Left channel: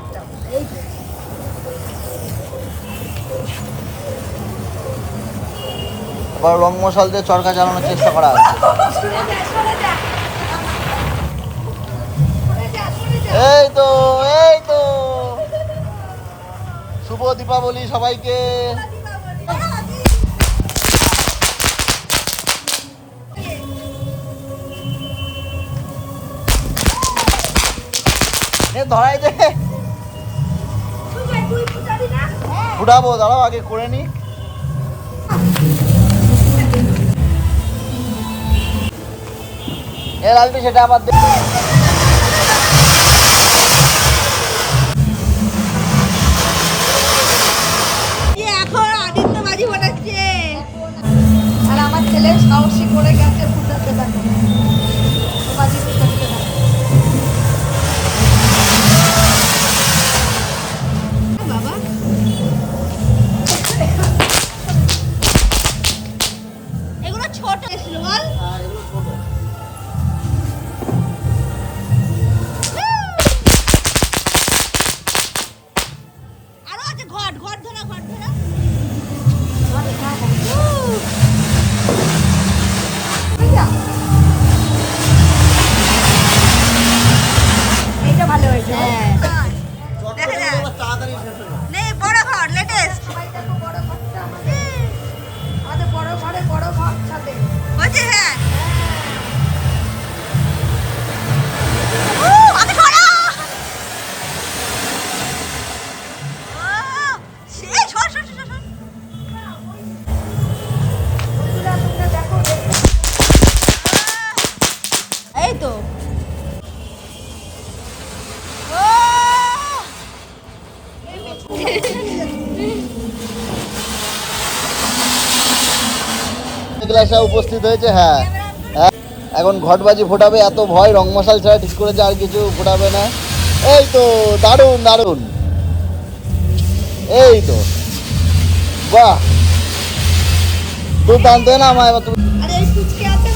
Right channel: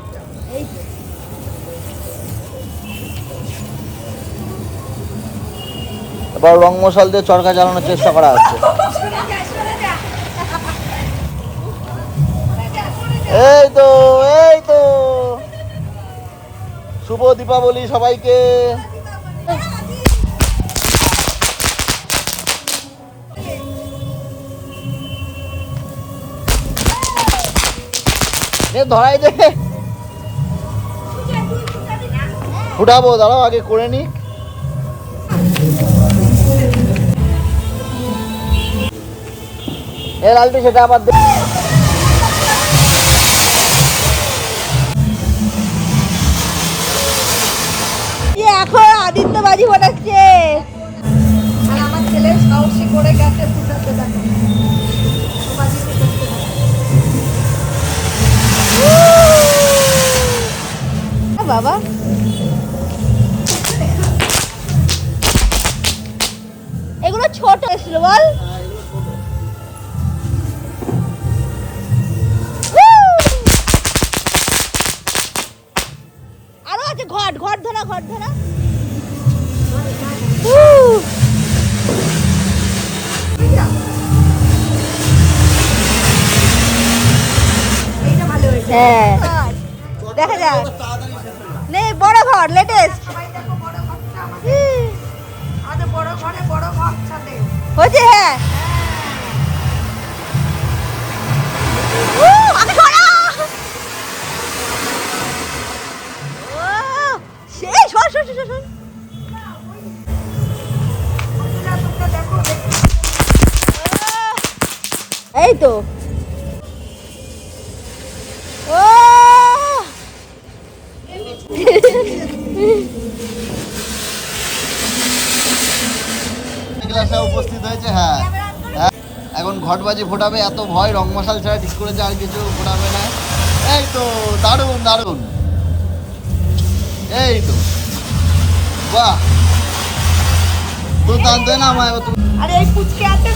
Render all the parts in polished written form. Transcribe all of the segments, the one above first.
একটা এই যে রং মশাল দিয়ে চরকা জ্বালানোর চেষ্টা করা হচ্ছে। এই তো শুভ দীপাবলি সবাইকে। ধরাই দেবে ফুটাবো, দাঁড়াও আগে করে নি। সেটা আবার এখন আদিত্য বাজি ফোটাচ্ছে আর আমার ছেলে সাহসী করে গেছে ফুটাতে থাকে বাজি ফুটাচ্ছে বাবা। এগুলো ছোট ছিল বল। আরো আছে ঘট ধরা এইটা ভালো হয়েছে। হ্যাঁ দেখা যাক নে বড় ঘর লেটেস্ট আমাদের বড় ঘরে বড় ঘর সাথে হয়েছে। হ্যাঁ আমি সরা সেই সর এই তো উপস্থিত হয়েছে। হ্যাঁ এখন ঘটবাজি ফোটাবে, এত ভয় রং মশাল ছাড়া ঠিক করেছে, আর কিছু ফোটাবে না। এই তো দারুণ এই তো যা তুই টানতে না আমার আরে এই পুচকে আছে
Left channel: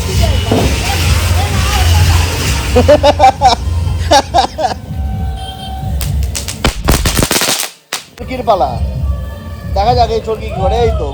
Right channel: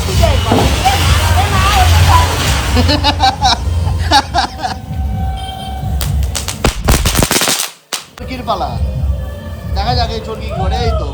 চরকির পালা দেখা যাক এই চরকি ঘরে। এই তো